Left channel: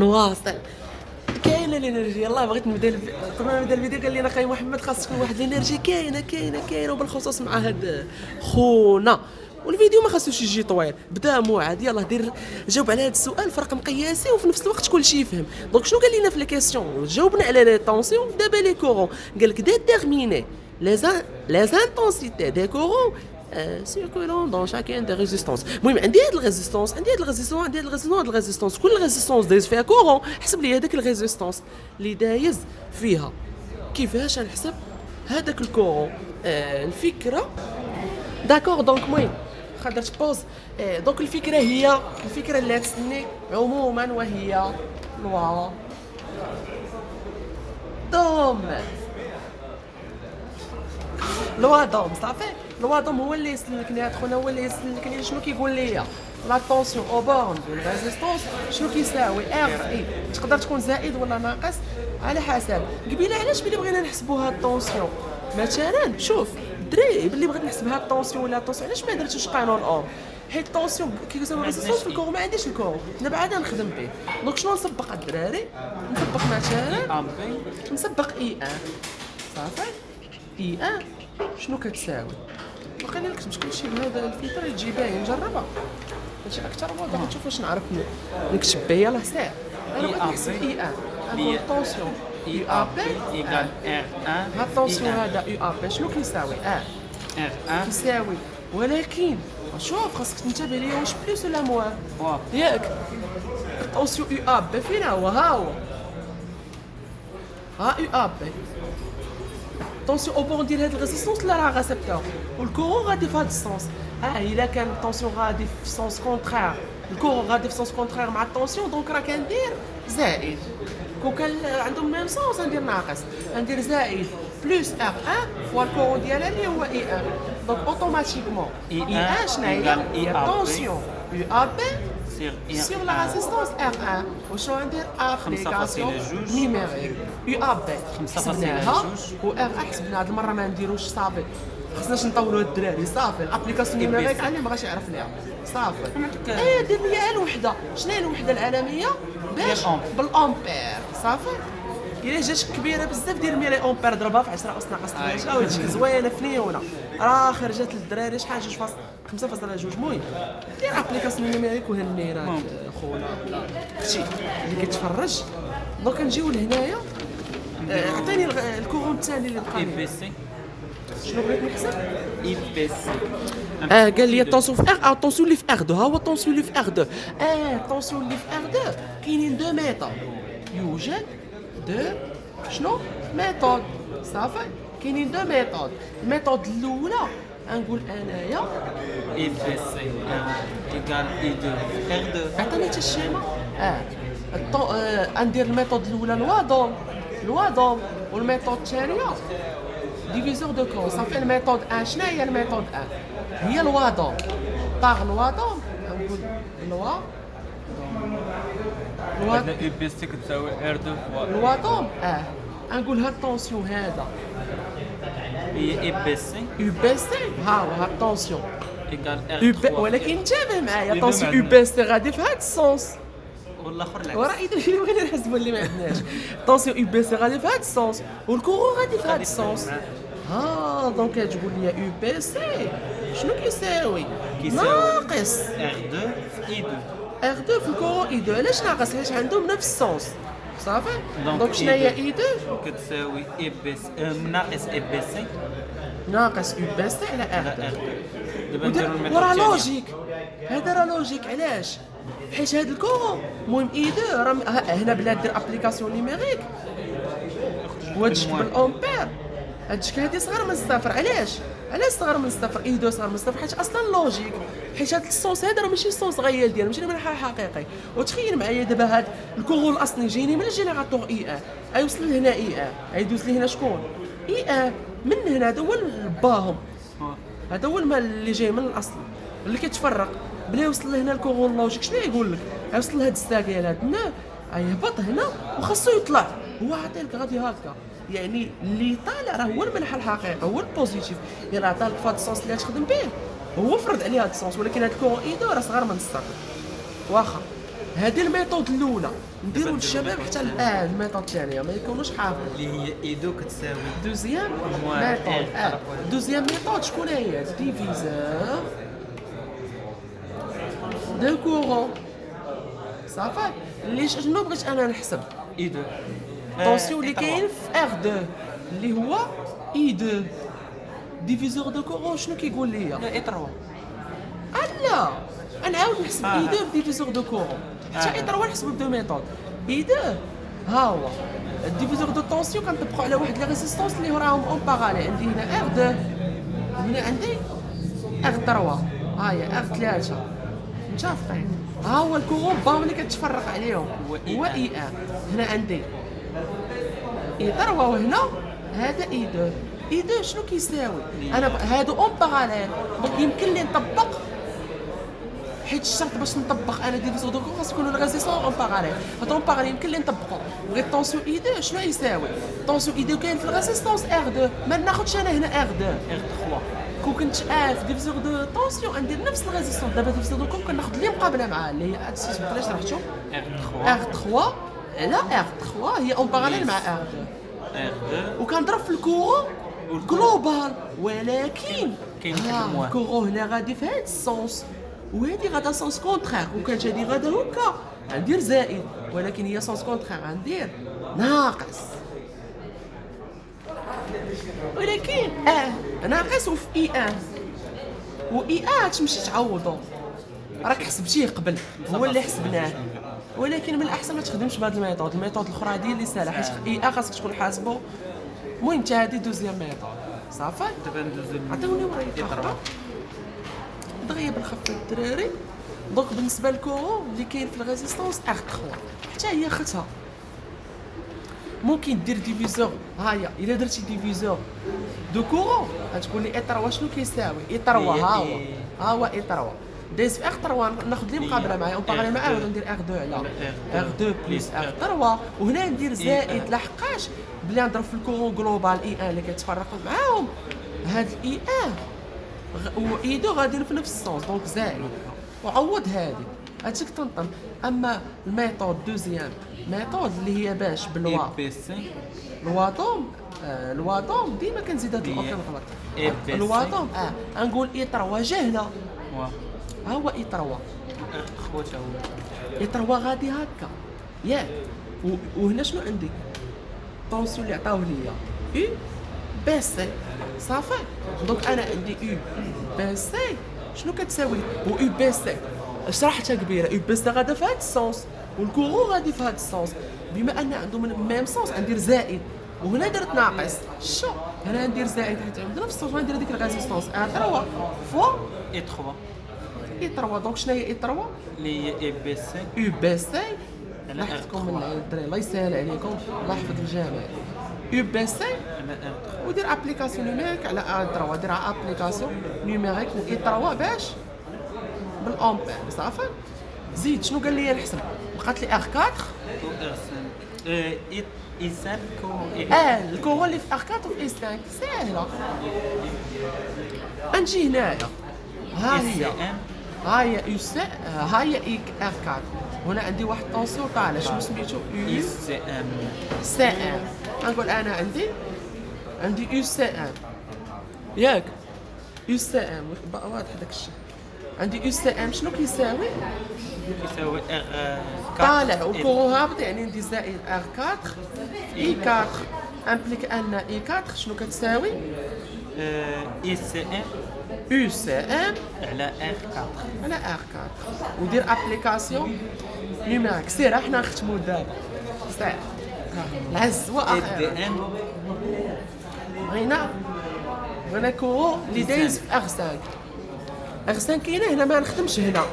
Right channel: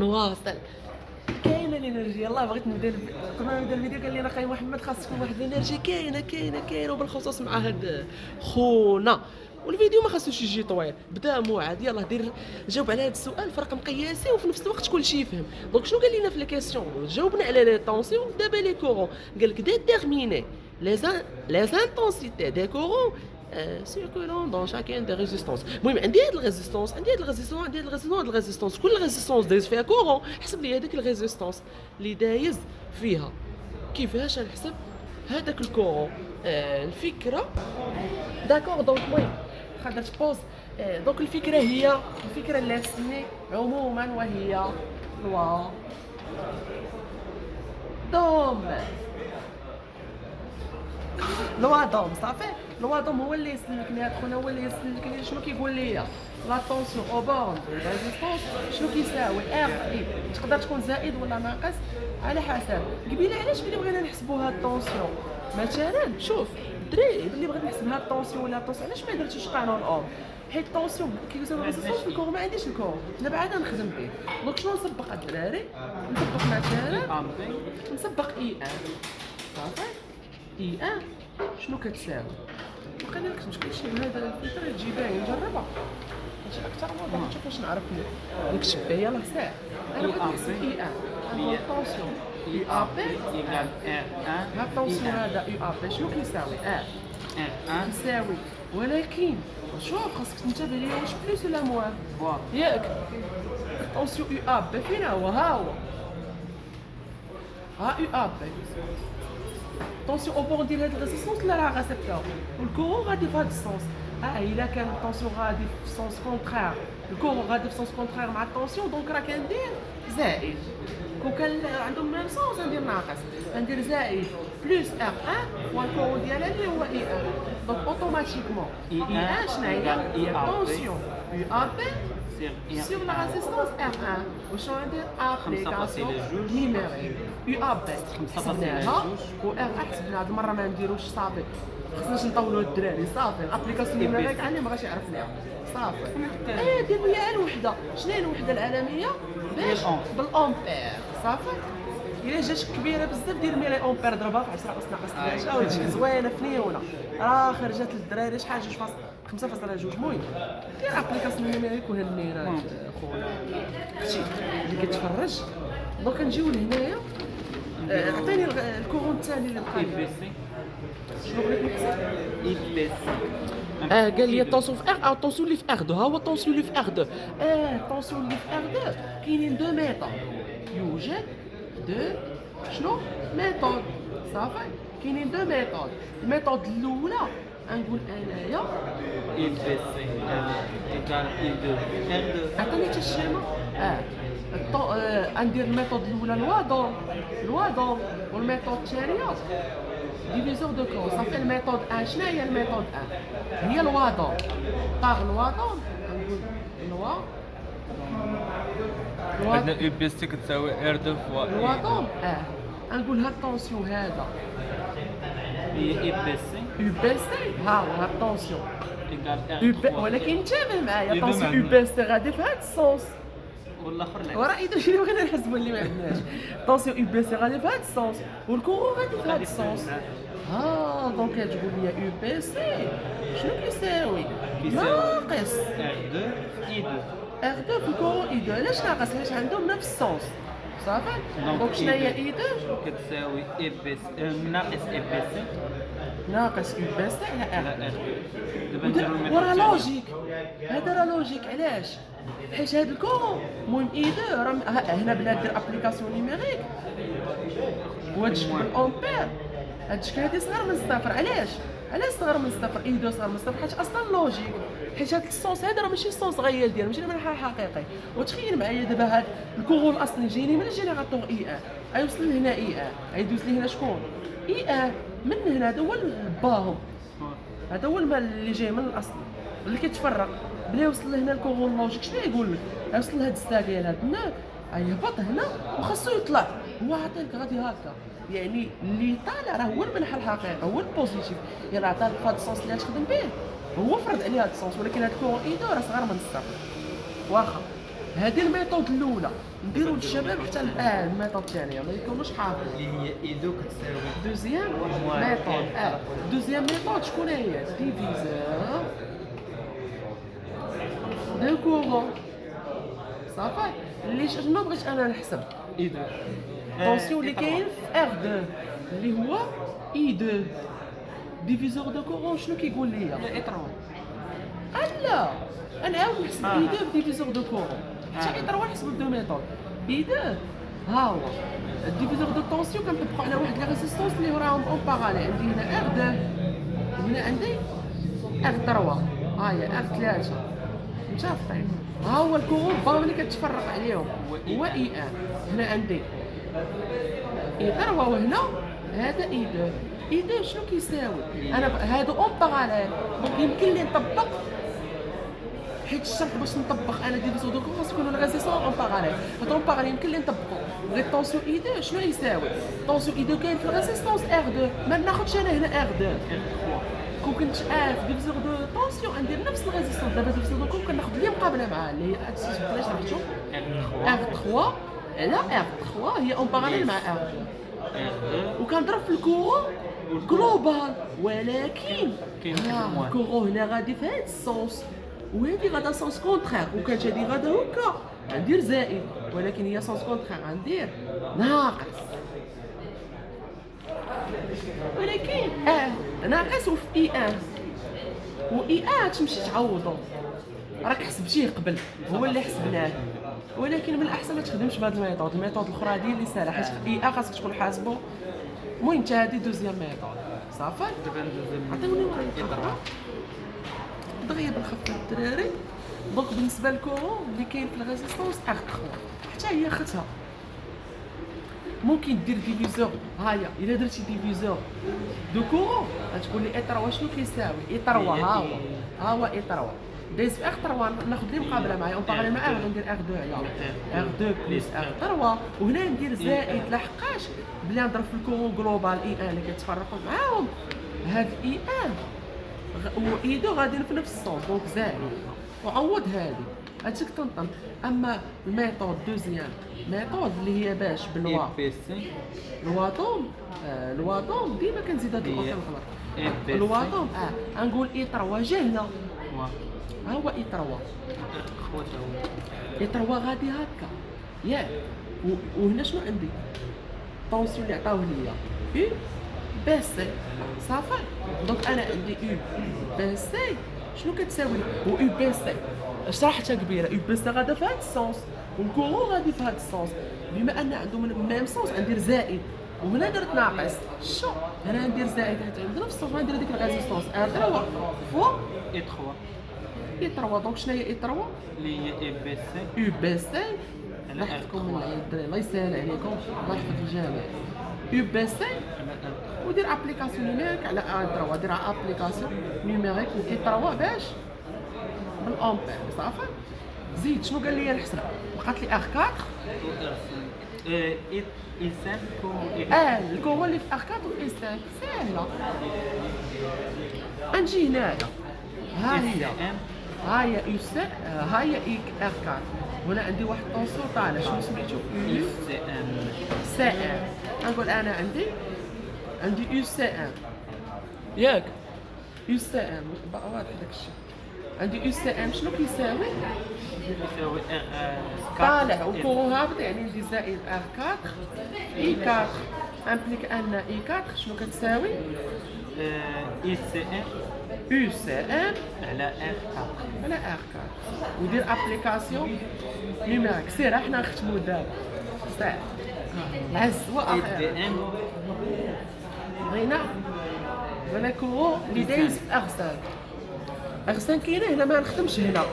نواصل. كاينه الانرجي. يلاه بغيت نبدا قبل ما نبدا الفيديو قال لي نقي محمد خاص تكون واحد الانرجي كاينه وبالخصوص مع هاد خونا. والفيديو ما خاصوش يجي طويل، بدا موعد. يلاه دير جاوب على هذا السؤال في رقم قياسي وفي نفس الوقت كل شيء يفهم. دونك شنو قال لنا في الكيسيون؟ جاوبنا على لي طونسيون. دابا لي كورون قال لك ديتيرميني les intensités des courants circulant dans chacune des résistances. المهم عندي هاد الريزيستونس، عندي هاد الريزيستونس، كل ريزيستونس دايز فيها كورون. حسب لي هذاك الريزيستونس اللي دايز فيها كيفاش نحسب هذاك الكورون. الفكره داكور. دونك المهم درت بوز. دونك الفكره اللي تسني عموما وهي لوا دوم. لوا دوم صافي. لوا دوم هو اللي يسلكني خونا، هو اللي يسلكني. شنو كيقول لي؟ لا طونسيون او بورن دو ريزيستونس شنو كيساوي ار اي. تقدر تكون زائد ولا ناقص على حسب. قبيله علاش ملي بغينا نحسبوا هاد الطونسيون مثلا، شوف دري ملي بغيت نحسب هاد الطونسيون ولا الطونسيون علاش ما درتوش قانون اوم؟ حيت الطونسيون كيساوي ريزيستونس في الكور، ما عنديش الكور، دابا عاد نخدم به. دونك شنو نسبق الدراري؟ نسبق مثلا نسبق اي ان صافي. اي ان شنو كتساوي؟ وقيلا لك تمشي كلشي بهذا الفلتر تجي باين نجربها ماشي اكثر من هذا. نشوف واش نعرف نكتب بها. يلاه ساعه انا نحسب اي ان هي طونسيون اي ا بي ايكال ار 1. ها الطونسيون هذا اي ا بي شنو كيساوي؟ ار 1 كيساوي. ولكن شوف خاصك تنتبه ليا واش بلوس ولا موان ياك. الطونسيون اي ا بي فين هو؟ ها اي ا بي. طونسيون اوبون ديال هاد الريزيستونس لا راه غاسبتها والكورون غادي في هاد السونس. الا كان الطونسيون غادي في سونس كونترير، الكورون غادي في سونس كونترير مع الطونسيون، دونك راه كندير زائد. كون كان عندهم ميم سونس غندير ناقص، غندير زائد بلوس ار 1 فوا الكورون ديالها اللي هو اي 1. دونك اوتوماتيكمون اي 1 شنو هي؟ طونسيون يو ا بي sur la résistance R1. وشنو ندير؟ ابليكاسيون نيميريك يو ا بي حسبناها و R1 حسبنا. هاد المره ما نديروش صافي، خصناش نطولوا الدراري صافي. الابليكاسيون نيميريك اللي ما بغاش يعرف ليها صافي. دير لي الوحده. شنو هي الوحده العالميه؟ باش بالامبير صافي. الا جات كبيره بزاف دير ميلي امبير ضربها في 10 اس ناقص 3 وتجي زوينه فنيونه. راه خرجت للدراري شحال 5.2. المهم دير ابليكاسيون نيميريك وهنينا خونا اختي اللي كتفرج. دونك نجيو لهنايا. عطيني الكورون الثاني اللي بقى اي لي. بي سي شنو بغيت نحسب؟ اي بي سي قال لي الطونسيون في ار. الطونسيون اللي في ار 2 ها هو الطونسيون اللي في ار 2. الطونسيون اللي في ار 2 كاينين دو ميثود. يوجد دو شنو ميثود صافي. كاينين دو ميثود. الميثود الاولى نقول انايا اي بي سي ايكال اي 2 ار 2. عطيني حتى الشيما. ندير الميثود الاولى لوا دوم والميثود الثانيه ديفيزور دو كون صافي. الميثود 1 شنو هي؟ الميثود 1 هي لوا دوم لوا دوم. نقول لوا عندنا اي بي سي كتساوي ار 2 فوا لوا دوم. نقول هاد الطونسيون هذا هي اي بي سي يو بي سي. ها هو هاد الطونسيون ايكال ار يو 3 ولكن انتبه معايا. طونسيون يو بي سي غادي في هاد السونس. والاخر العكس. وراه اذا شنو بغينا نحسبوا اللي ما عندناش. طونسيون يو بي سي غادي في هاد السونس والكورون غادي في هاد السونس. دونك تقول لي يو بي سي شنو كيساوي؟ ناقص ار 2 في اي 2. ار 2 في الكورون اي 2. علاش ناقص؟ حيت عندهم نفس السونس صافي. دونك دونك شنو هي I2 اي 2؟ كتساوي اي بي سي ناقص اي بي سي ناقص يو بي سي على على ار 2. ار 2. دابا نديرو الميثود وراه الثانية. لوجيك. هذا راه لوجيك. علاش؟ حيت هاد الكورون المهم اي 2 راه هنا بلا دير ابليكاسيون نيميريك وهادشي بالامبير. هادشي هادي صغر من الصفر. علاش صغر من الصفر؟ اي 2 صغر من الصفر حيت اصلا لوجيك. حيت هاد الصوص هذا راه ماشي الصوص غيال ديالو، ماشي من حقيقي. وتخيل معايا دابا هاد الكورون الاصلي جايني من الجينيراتور اي 1 غيوصل لهنا اي 1 غيدوز لي هنا شكون؟ اي 1 من هنا. هذا هو باهم، هذا هو المال اللي جاي من الاصل اللي كيتفرق. بلا يوصل لهنا الكورون لوجيك شنو يقول لك؟ يوصل لهاد الساكيل هاد هنا يهبط هنا وخاصو يطلع. هو عطيك غادي هكا. يعني اللي طالع راه هو المنح الحقيقي، هو البوزيتيف. الا عطاك في هاد السونس اللي تخدم به هو فرض عليه هاد السونس. ولكن هاد الكورون ايدو راه صغر من الصفر. واخا هادي الميثود الاولى. نديروا للشباب حتى الميثود الثانيه ما يكونوش حافظين. اللي هي ايدو كتساوي دوزيام ميثود دوزيام ميثود شكون هي؟ ديفيزور دو كورون صافي. اللي شنو بغيت انا نحسب ايدو طونسيون اللي كاين في ار 2 اللي هو اي 2 ديفيزور دو كورون شنو كيقول لي؟ لا اي 3 لا انا عاود نحسب اي 2 ديفيزور دو كورون حتى اي 3 نحسبو بدو ميثود اي 2 ها هو الديفيزور دو طونسيون كنطبقوا على واحد لي ريزيستونس اللي راهم اون باراليل. عندي هنا ار 2 وهنا عندي ار 3 ها هي ار 3 متفقين. ها هو الكورون باهم اللي كتفرق عليهم هو اي ان. هنا عندي اي 3 وهنا هذا اي 2 اي 2 شنو كيساوي؟ انا هادو اون باراليل دونك يمكن لي نطبق حيت الشرط باش نطبق انا ديفيزور دو كورون خاص يكونوا الريزيستون اون باراليل. هادو اون باراليل يمكن لي نطبقو. بغيت طونسيون اي 2 شنو يساوي؟ طونسيون اي 2 كاين في الريزيستونس ار 2 ما ناخذش انا هنا ار 2 كون كنت في ديفيزور دو طونسيون ندير نفس الريزيستونس. دابا ديفيزور دو كورون كناخذ اللي مقابله معاه اللي هي اكسيس بلاش شفتو ار 3 على ار 3 هي اون باراليل مع ار 2 وكنضرب في الكورون جلوبال. ولكن الكورون هنا غادي في هاد السونس وهادي غادا سونس كونترير وكانت هادي غادا هكا غندير زائد ولكن هي سونس كونترير غندير ناقص. ولكن ناقص وفي اي ان و اي ان تمشي تعوضو راك حسبتيه قبل هو اللي حسبناه. ولكن من الاحسن ما تخدمش بهاد الميثود. الميثود الاخرى دي اللي سهله حيت اي ان خاصك تكون حاسبو. المهم انت هادي دوزيام ميثود صافي. عطيوني ورقه دغيا بالخف الدراري. دونك بالنسبه للكورون اللي كاين في الريزيستونس ار 3 حتى هي اختها ممكن دير ديفيزور. ها هي الا درتي ديفيزور دو كورون غتقول لي اي 3 شنو كيساوي؟ اي 3 ها هو اي 3 دايز في ار 3 ناخذ لي مقابله معايا اون باراليل معاه وندير ار 2 على ار 2 بلس ار 3 وهنا ندير زائد لحقاش بلي نضرب في الكورون جلوبال اي ان اللي كيتفرقوا معاهم هاد الاي ان و اي 2 غاديين في نفس السونس دونك زائد وعوض هادي هادشي كتنطم. اما الميثود دوزيام ميثود اللي هي باش بالوا الواطوم الواطوم ديما كنزيد هاد الاوبشن غلط. الواطوم غنقول اي 3 جا هنا ها هو اي 3 اي 3 غادي هكا ياك وهنا شنو عندي؟ طونسيون اللي عطاوه ليا يو بي سي صافي. دونك انا عندي يو بي سي شنو كتساوي؟ و يو بي سي شرحتها كبيره. يو بي سي غادا في هاد السونس والكورون غادي في هاد السونس. بما ان عندهم ميم سونس غندير زائد وهنا درت ناقص. شو هنا ندير زائد حيت عندنا نفس السونس غندير ديك الريزيستونس ار 3 فوا اي 3 اي 3. دونك شنو هي اي 3 اللي هي اي بي سي يو بي سي. لاحظتكم من الدراري الله يسهل عليكم الله يحفظ الجميع. يو بي سي ودير ابليكاسيون نيميريك على ار 3 دير ابليكاسيون نيميريك اي 3 باش بالامبير صافي. زيد شنو قال لي نحسب؟ بقات لي ار 4 اي 5 الكورون اللي في ار 4 و اي 5 ساهله. نجي هنايا ها هي يو سي ها هي اي ار 4 هنا عندي واحد طونسيون طالع شنو سميتو؟ يو سي ام. نقول انا عندي يو سي ام ياك يو سي ام واضح داك الشيء. عندي يو سي ام شنو كيساوي؟ كيساوي ار طالع وكورون هابط يعني ندير زائد ار 4 اي 4 امبليك ان اي 4 شنو كتساوي؟ اي سي ام يو سي ام على ار 4 على ار 4 ودير ابليكاسيون نيميريك. سير حنا نختمو دابا صافي العز اي دي ام هنا كورون اللي دايز في ار 5 ار 5 كاينه هنا ما نخدمش هنا.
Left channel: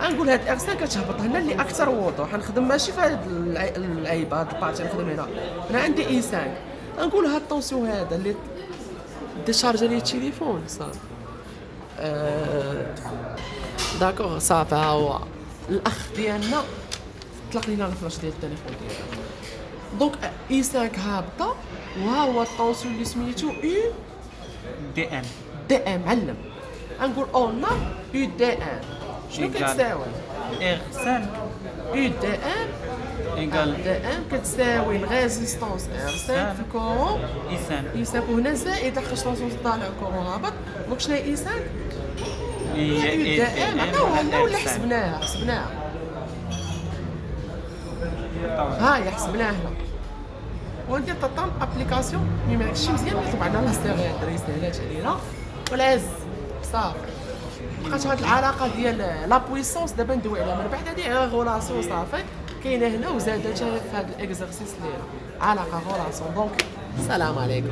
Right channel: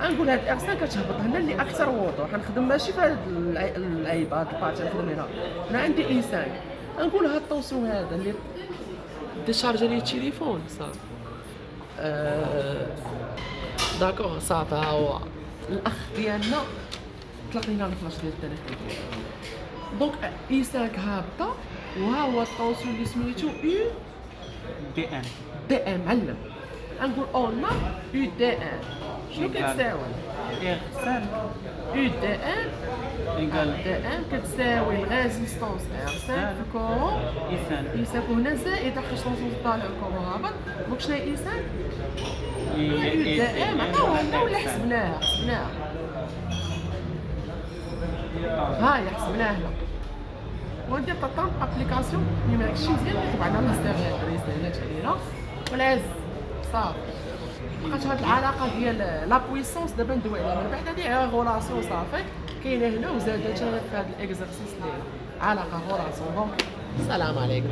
غنقول هاد ار 5 كتهبط هنا اللي اكثر وضوح. غنخدم ماشي في هاد العيب هاد البارتي نخدم هنا. انا عندي اي 5 غنقول هاد الطونسيون هذا اللي ديشارجي لي التليفون صافي داكوغ صافي. ها هو الاخ ديالنا طلق لينا الفلاش ديال التليفون ديالو. دونك اي 5 هابطه وها هو الطونسيون اللي سميتو يو دي ام دي ام علم. غنقول اون يو دي ام شنو كتساوي؟ ار 5 يو دي ام ايكال دي ام كتساوي الريزيستونس ار 5 في الكورون ايسان اي 5 وهنا زائد لاخاطش طونسيون طالع الكورون هابط دونك شنو هي اي 5 هي دي ام عطاوها ولا احسن. حسبناها هاي حسبناها وندير تطام ابليكاسيون مي ماشي مزيان ولكن بعدا الله يستر الدراري سهلات علينا والعز صافي بقات هاد العلاقه ديال لا بويسونس دابا ندوي عليها من بعد هادي غولاسيون صافي كاينه هنا وزادت في هاد الاكزرسيس اللي علاقه غولاسيون دونك السلام عليكم.